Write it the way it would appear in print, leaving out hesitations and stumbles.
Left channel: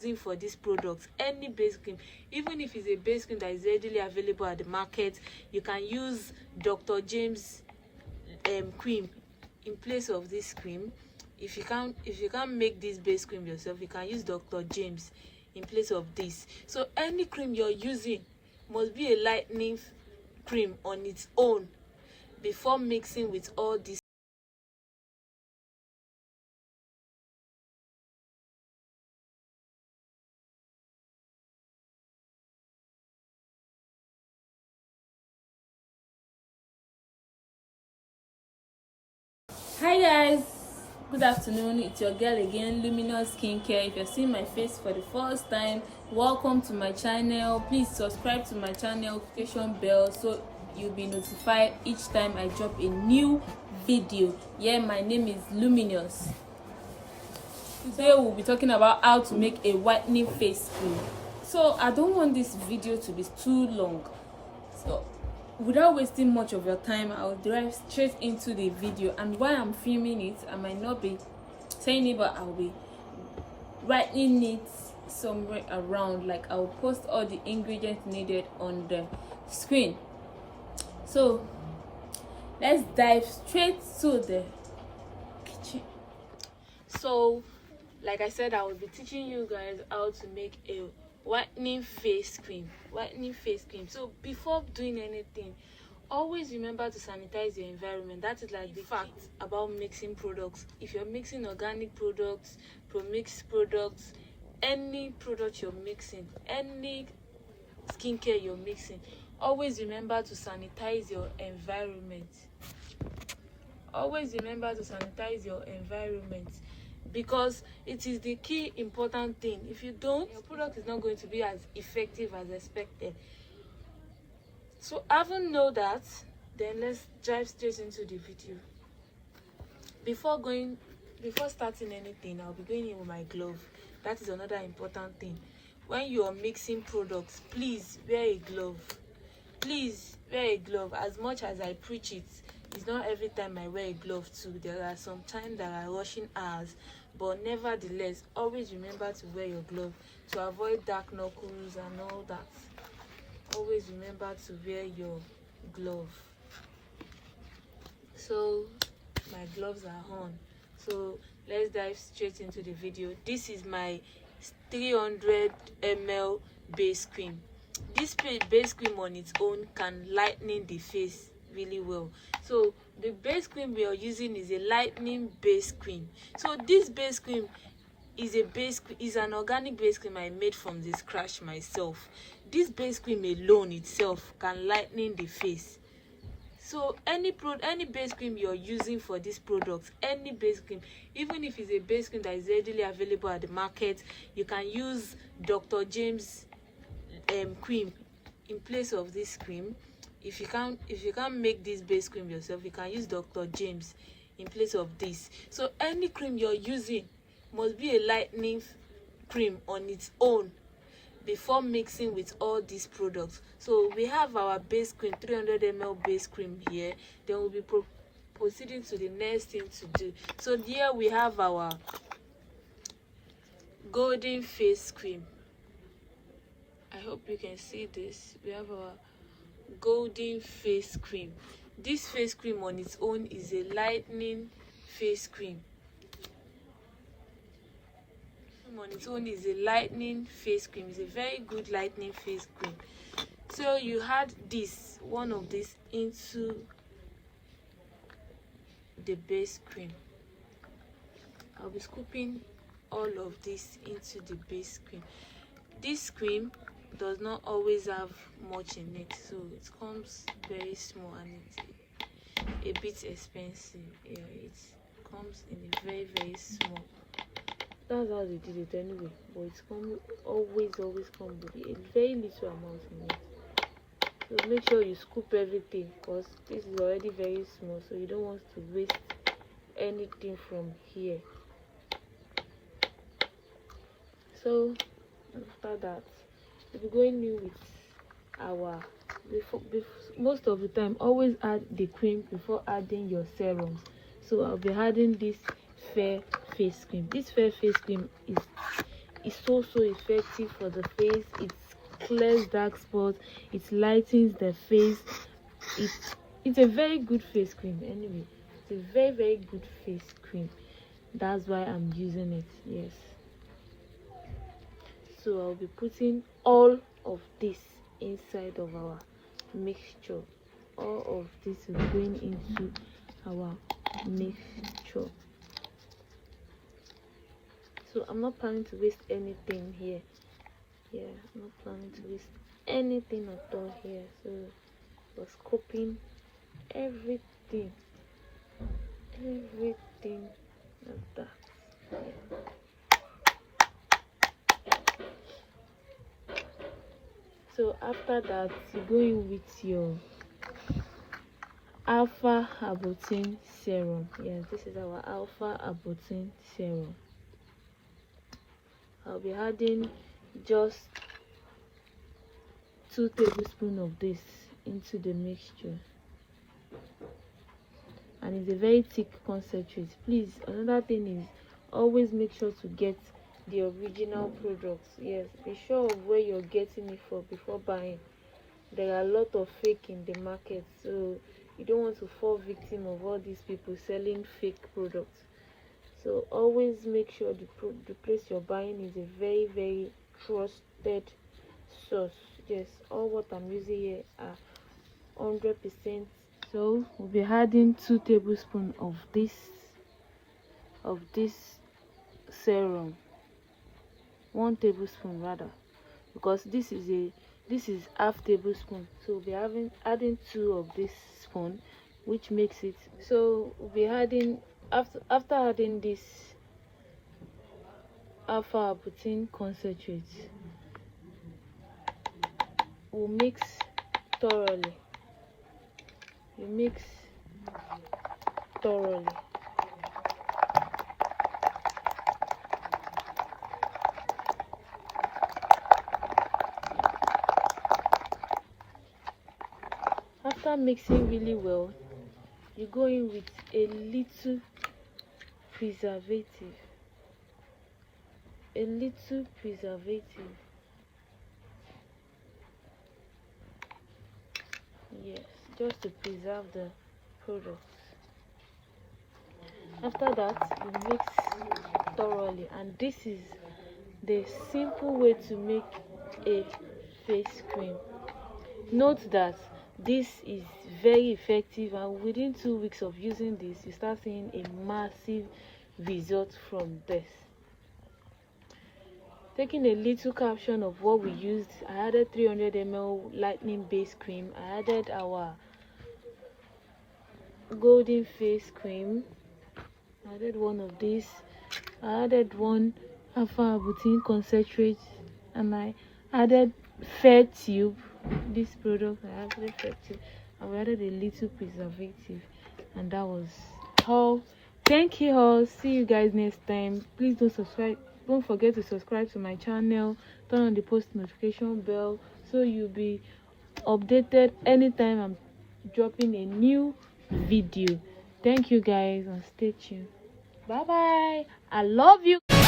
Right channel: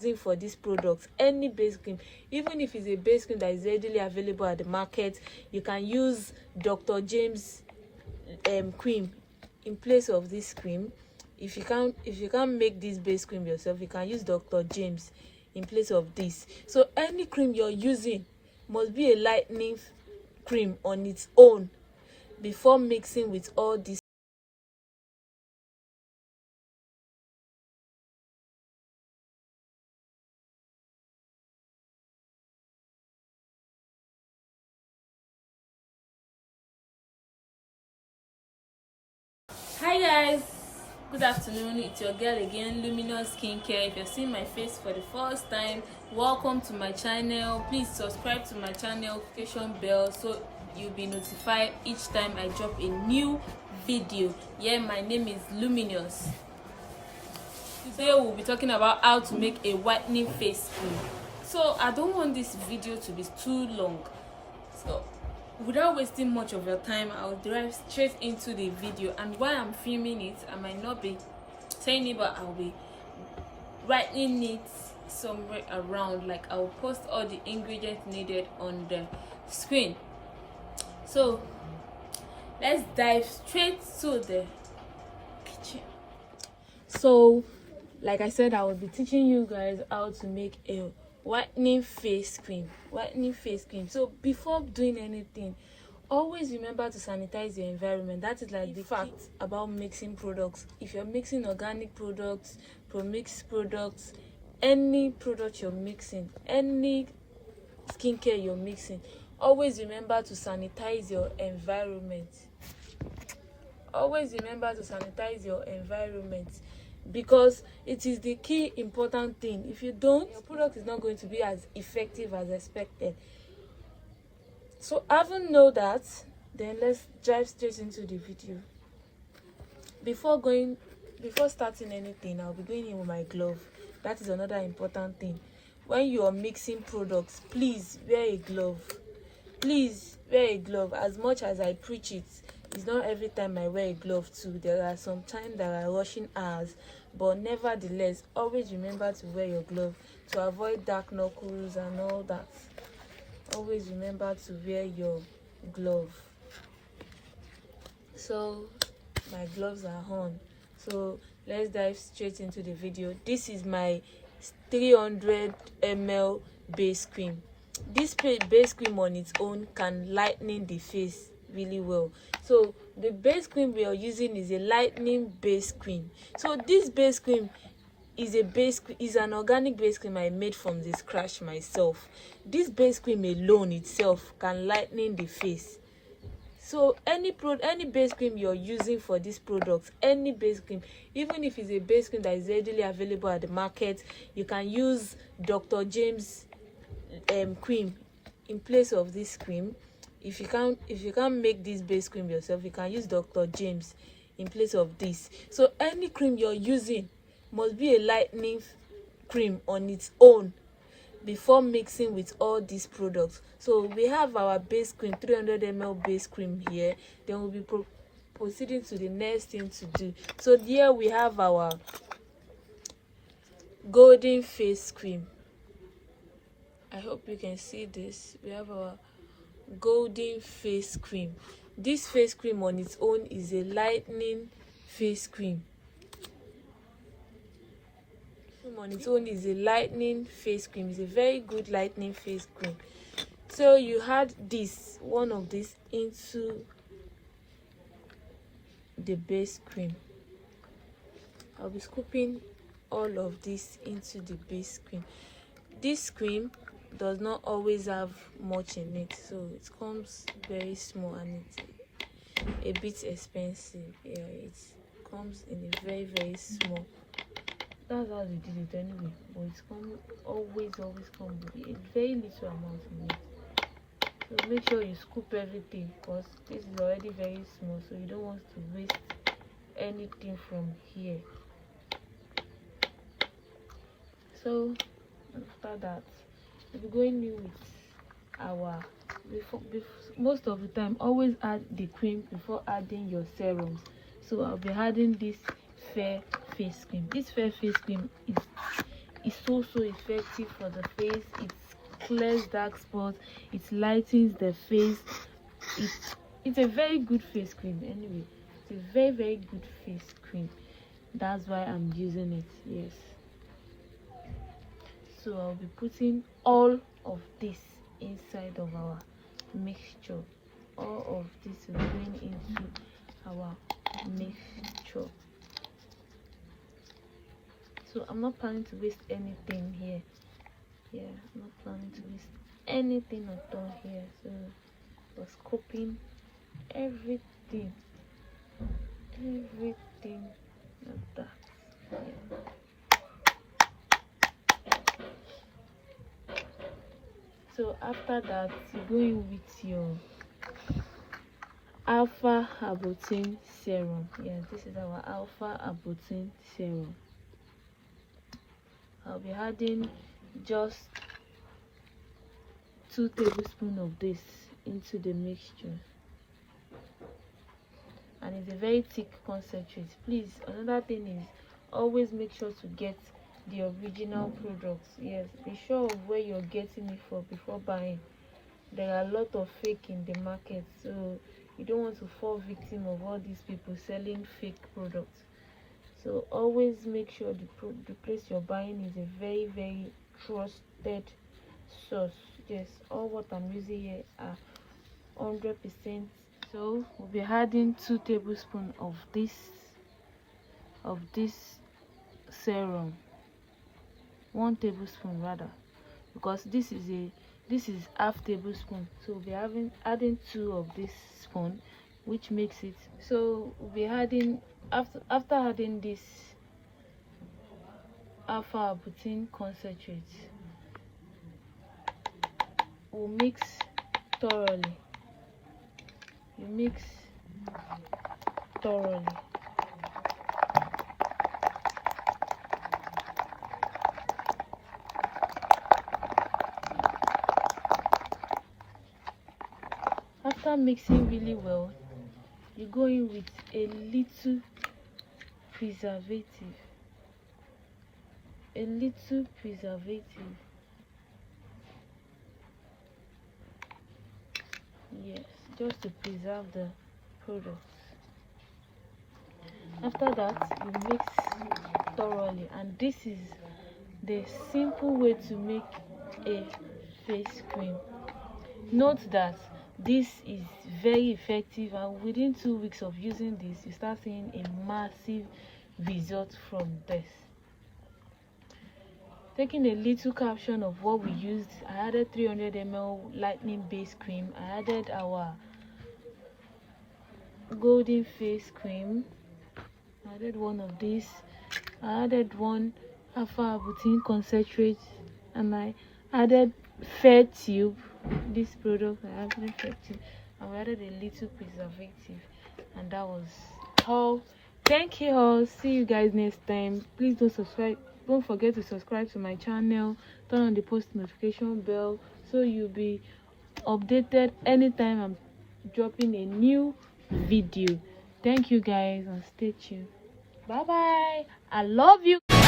using for this product, any base cream, even if it's a base cream that is readily available at the market, you can use Dr. James cream in place of this cream. If you can't make this base cream yourself, you can use Dr. James in place of this. So any cream you're using must be a lightening cream on its own before mixing with all this. Hi guys, good afternoon. It's your girl again, Luminous Skincare. If you're seeing my face for the first time, welcome to my channel. Please subscribe to my channel, notification bell, so you'll be notified each time I drop a new video. Yeah, my name is Luminous. Today we'll be talking about how to make a whitening face cream. So I don't want this video to be too long, so without wasting much of your time, I'll dive straight into the video. And while I'm filming it, I might not be saying it, but I'll be writing it somewhere around. Like, I'll post all the ingredients needed on the screen. So let's dive straight to the kitchen. So like I said, I will be teaching you guys how to make a whitening face cream. So before doing anything, always remember to sanitize your environment. That is like the fact about mixing products. If you're mixing organic products, pro-mixed products, any product you're mixing, any skincare you're mixing, always remember to sanitize your environment. Because it is the key important thing. If you don't, your product is not going to be as effective as expected. So having know that, then let's dive straight into the video. Before starting anything, I'll be going in with my glove. That is another important thing. When you are mixing products, please wear a glove. As much as I preach it, it's not every time I wear a glove too. There are some times that are rushing hours, but nevertheless, always remember to wear your glove to avoid dark knuckles and all that. Always remember to wear your glove. So my gloves are on. So let's dive straight into the video. This is my 300 ml base cream. This base cream on its own can lighten the face really well. So the base cream we are using is a lightening base cream. So this base cream is an organic base cream I made from the scratch myself. This base cream alone itself can lighten the face. So any base cream you're using for this product, any base cream, even if it's a base cream that is readily available at the market, you can use Dr. James cream in place of this cream. If you can't make this base cream yourself, you can use Dr. James in place of this. So any cream you're using must be a lightening cream on its own before mixing with all these products. So we have our base cream, 300 ml base cream here. Then we'll be proceeding to the next thing to do. So here we have our golden face cream. I hope you can see this. We have our golden face cream. This face cream on its own is a lightening face cream. It's a very good lightening face cream. So you add one of this into the base cream. I'll be scooping all of this into the base cream. This cream does not always have much in it, so it comes very small and it's a bit expensive. Yeah, it comes in a very, very small. That's how we did it anyway, but it's always come with a very little amount in it. So make sure you scoop everything, because this is already very small, so you don't want to waste anything from here. So after that, we'll be going in with most of the time, always add the cream before adding your serums. So I'll be adding this fair face cream. This fair face cream is is so effective for the face. It clears dark spots, it lightens the face. It's a very good face cream. Anyway, it's a very good face cream. That's why I'm using it. Yes, so I'll be putting all of this inside of our mixture. All of this is going into our mixture. So I'm not planning to waste anything here. Yeah, I'm not planning to waste anything at all here. So we're scooping everything like that. Yeah. So after that, you go in with your alpha arbutin serum. Yeah, this is our alpha arbutin serum. I'll be adding just 2 tablespoons of this into the mixture, and it's a very thick concentrate. Please, another thing is always make sure to get the original products. Yes, be sure of where you're getting it from before buying. There are a lot of fake in the market, so you don't want to fall victim of all these people selling fake products. So always make sure the place you're buying is a very trusted source. Yes, all what I'm using here are 100%. So we'll be adding 2 tablespoons of this serum. 1 tablespoon rather, because this is half tablespoon, so we'll be adding 2 of this spoon, which makes it. So we'll be adding, after adding this alpha arbutin concentrate, we'll mix thoroughly. After mixing really well, you go in with a little preservative. Yes, just to preserve the product. After that, you mix thoroughly, and this is the simple way to make a face cream. Note that this is very effective, and within 2 weeks of using this, you start seeing a massive result from this. Taking a little caption of what we used, I added 300 ml lightning base cream. I added our golden face cream. I added 1 of this. I added 1 alpha arbutin concentrate, and I added fair tube. This product I added fair tube, and we added a little preservative, and that was all. Thank you all. See you guys next time. Please don't forget to subscribe to my channel, turn on the post notification bell so you'll be updated anytime I'm dropping a new video. Thank you guys, and stay tuned. Bye bye. I love you.